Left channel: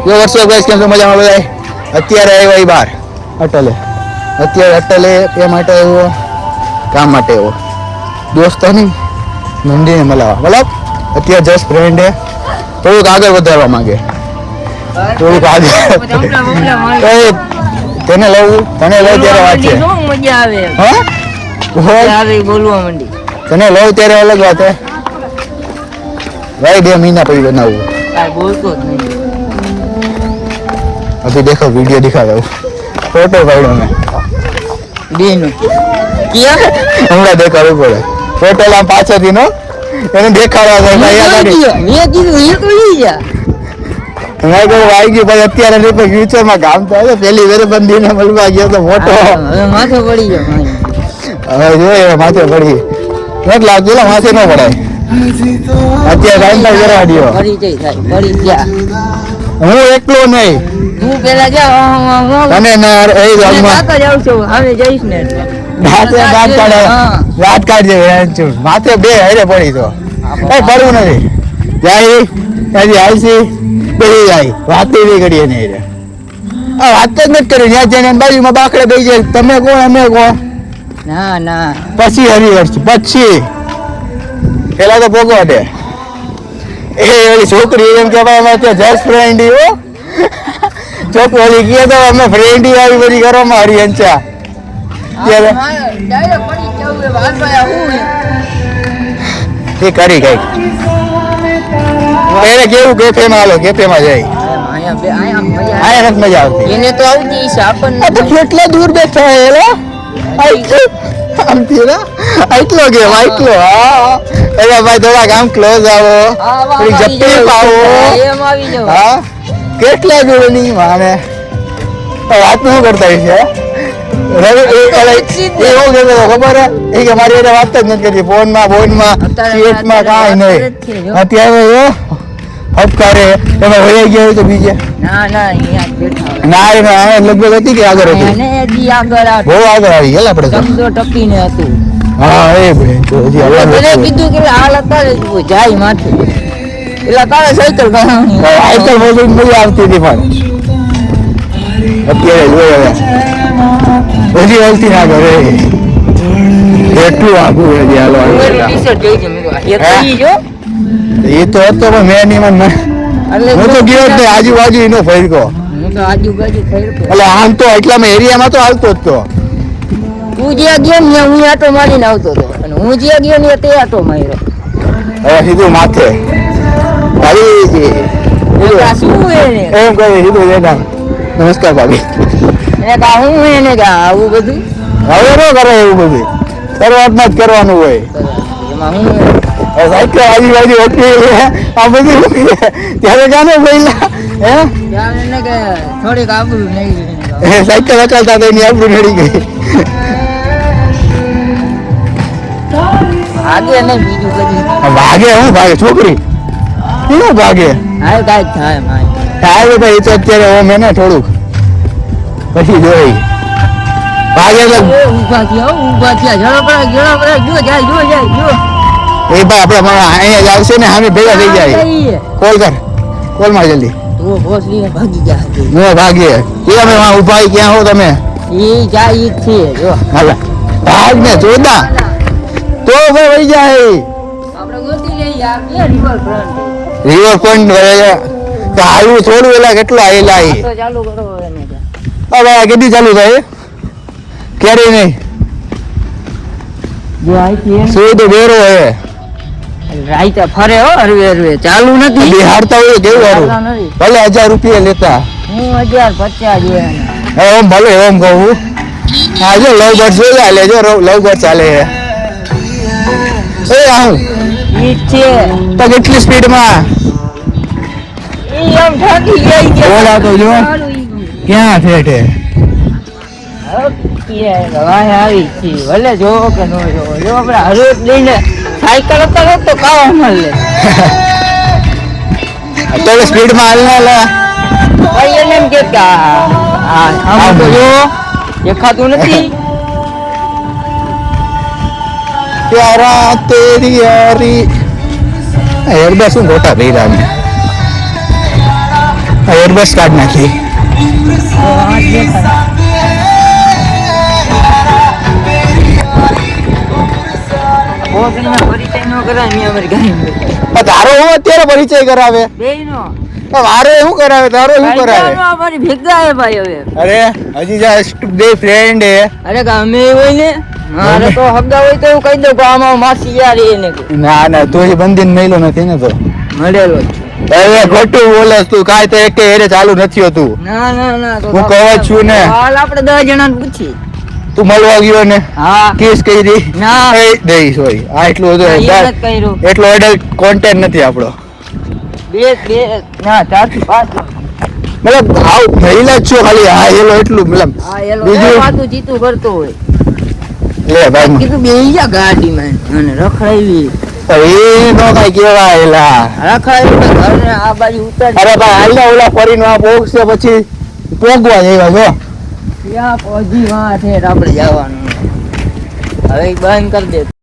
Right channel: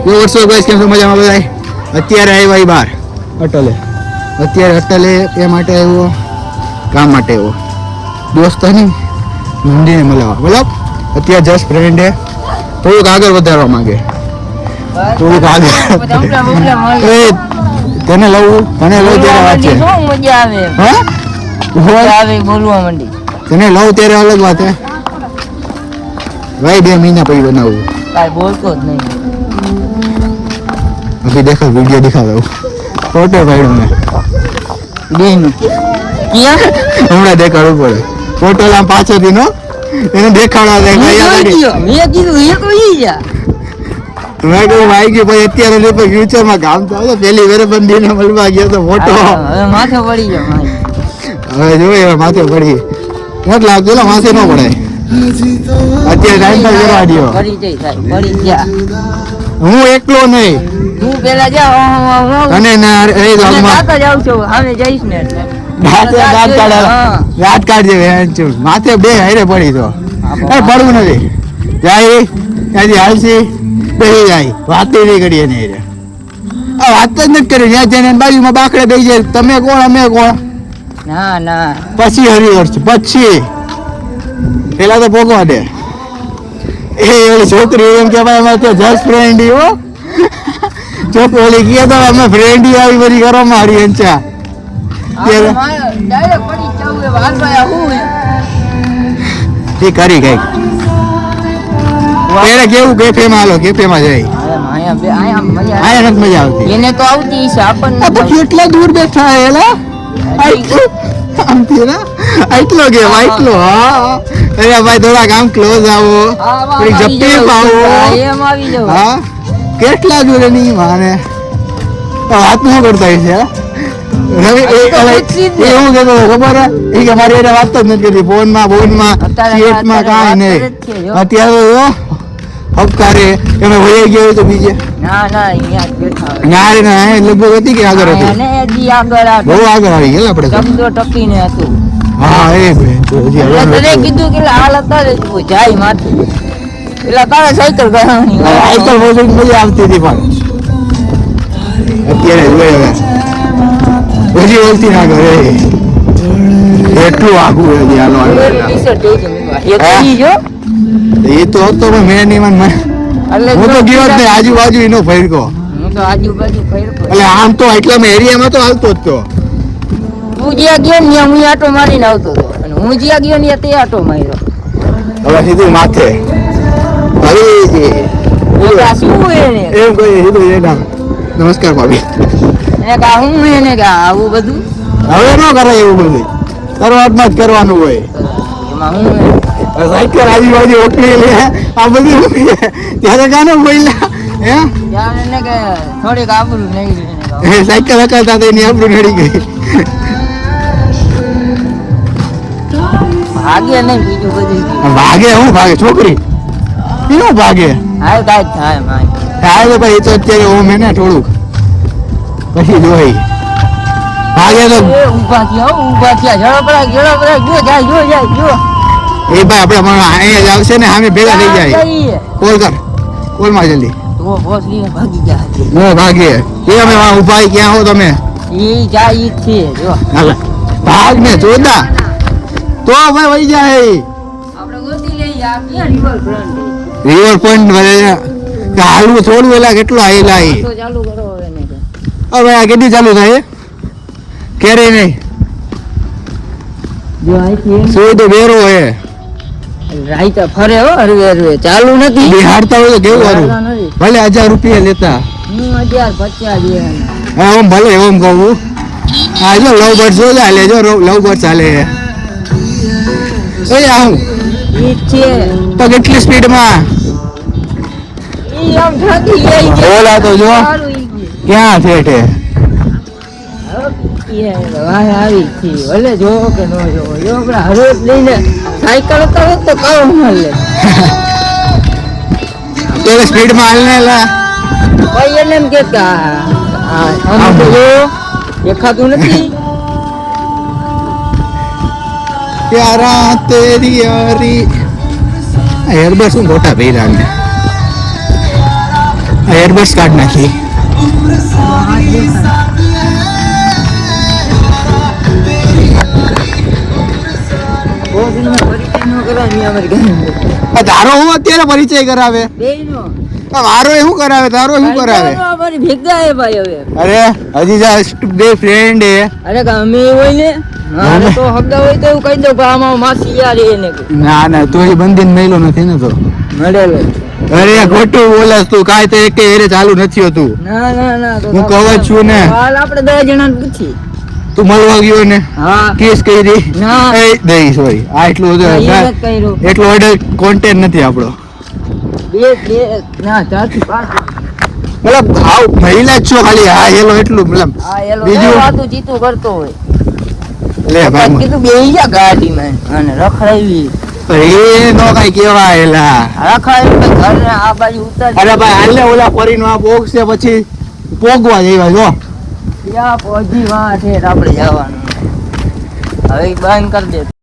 यो वर्षो गाइस કેમ છો મજામાં બધાય અત્યારે આવ્યા બહાર અટલે એ માટે આવ્યો કામ માટે આવ્યો દોસ્તોની મંદિરે મળવા મતલબ અત્યારે જસ્ટ ફ્રેન્ડ હે થોડુંક આગળ વધારવા માંગે થોડુંક આગળ તને લઉં ત્યારે વાત છે હા બોલવા માંડી તને લઉં ત્યારે અલગ વાત હે भाई 2 महीना पड़ी बनाऊँ बोलतो नहीं अभी देखो वीडियो दिखा रहा हूँ फोटो पाड़ो में हमारा देखा पड़े फोटो लाम पाछो थी नो એને દેખાડવા દે ભાઈ આ મે કીધું એ કોલી જા મેં કહું ભાઈ કે ભાઈ અત્યારે ને તો ફ્યુચર માં કામ થાય પેલી વેરે બંદીને મળવા ગયો તો ફોટો માથે પડી ગયો હવે જો એના માથે પડી મત લાગતું માથે ન પડાય અત્યારે ટાઈમ પર કરવા દો પડી ગયા હું એકલો નહીં હું પેલા જાવ અને ના એ જાવ છું હવે જઈશ ને રાત કાઢજે માથે બે હારે પડી તો કઈ પડવું નથી જાય ત્યાંથી હાલસી બેસી જાય વાત નહીં કરીએ ને વાત જ નથી કરી ત્યાં જઈને બાજુમાં બાકડે બેસી જાય તમે કોણ અમે કોણ ના ના પછી હરિહર્ષ પછી પેલા તો ભોગવા દે એ ઓલી છોકરી એમ કે ભાઈ અમે જસ્ટ ફ્રેન્ડ હો છોકરી ઓલી કહે તો અમે ફ્રેન્ડ આવી બધી કરવામાં હરિહંચા ત્યારે એ કરી કઈક એને કેવું કેફેમાં હાલો કેફેમાં જાય અહીંયા નથી મજા આવતી એને તો આવતી છે આપણને તો કેટલા દૂર બેઠા એલા આમથી ના આટલો ગયો આટલો હા એટલે ભાઈ થોડાક આમ ક્લોઝ આવો થોડી જપ્પી પાવો હા કેટલા દૂર નહીં માને વાત શું કરતા છે રવિ એવું કહેતો ખબર હે કે મારી એને વાત જ નથી કરતી ફોનમાં ચેટમાં કાંઈ નહીં અત્યારે હપકારે તમે હોઈ ગયા તો બીજે ના લગભગ હતી કે આગળ હતી બહુ આગળ આવી ગયા આપણે હા એ કીધું કે હાલ અત્યારે જાય માથું એટલે તારે સાયકલ મજા આવતી હતી પણ અત્યારે જોઈ હવે હજી ઓલતી ના કરે એટલું આગું એ તો હતો પણ મેં નહીં હું તો ગયો જ નહીં આજુબાજુ એનો ફેરકો એટલે આમ તો એટલામાં એરિયામાં તો હાલતો જ તો તું જ્યાં ગયો ને હું આટો મારીને આવતો હતો અને હું જ્યાં ગયો ને તે આટો માર્યો હવે સીધું માથે એમ કહી સીધું લેતા નમસ્કાર ભાભી હું એને આવું બધું હવે ન કરે એવું બધું શરૂઆતમાં જ કરવાનું હોય સાયકલ આજુબાજુ ઓછી આ બધું ત્યારે જાણે પહેલા એમ થોડીક આબરૂ નહીં સાયકલ હકાલતા તો એની આબરૂ નડી ગઈ ભાગે નહીં બીજું બધું ભાગે હું ભાગે છોકરી શું ભાગે થાય ભાઈ તો અત્યારે ઓમ એને થોડુંક પછી જોઈ ભાગે ઉભા થયા એ ભાઈ આપડે અહીંયા જ આવશે ને સામે ભેગા થઈ જાય કોલ માં જલ્દી ભાગે કેમ ઉભા ક્યાં હો તમે ભાગ ને ચોદા તો ભાઈ વહી જાય રિવરફ્રન્ટ હાલવું થોડું એલા કેટલું આયેલા હવે કેટલી ચાલુ થાય ક્યારે નહીં શું તો બેરો હે ફરે ચાલુ નથી બિહારતા હોય તો કેવું સારું ભલે 1000 રૂપિયા લેતા ઓમ ભલે ઓમ કહું હા જો લવ બર્ડ જોઈ લે જો લવ બર્ડ ચાલે એ આવું તો કેટલી સ્પીડમાં ક્યાં ફેટે ભલે જોવો કે ન જોવો જો આપણે હરોજ લઈને સાયકલ કરો તો કામ મળે અત્યારે સ્પીડમાં હાલને એટલે એમ કેતા આમ જો દેખાતું નથી પ્યારા તેરી યારી હેરબા શું મોટા ભેરા ને એરબસ કાર્ડ નાખી. તારો હું અત્યારે પરિચય કરાવે? મારો શું કરાવે? તારો શું કરાવે? અરે હજી જસ્ટ બે ફ્રેન્ડ હે. ના ના તો એ બંધીને મેલો નથી ને તો. અરે ખોટું બોલે તું. કાંઈ તો એક એરે ચાલુ નથી હોતું. હું કહું જ છું ને. આપણે 10 જણાને પૂછી. તું મળવા ગયો ને કેસ કરી દઈ સોરી આ એટલું બધું એટલો એડલ્ટ કોન્ટેન્ટ નથી આપણો. મતલબ આવ મહિલા જ છો ખાલી. હા એલો એટલું મતલબ બીજું વાતું જીતું કરતો હોય. લે ભાઈ કીધું બેહી જા ગાડીમાં અને રખડાવી. એ નો કઈ કેવાય એલા રખડાવી આ બાજુ ઉતાર. અરે ભાઈ હાલ ને ઓલા ફરીનો આ બોક્સ છે પછી પોગવા જેવા જો. યા પહોંચી વાત છે આપણે જવાનું. હવે બંધ કરી દે.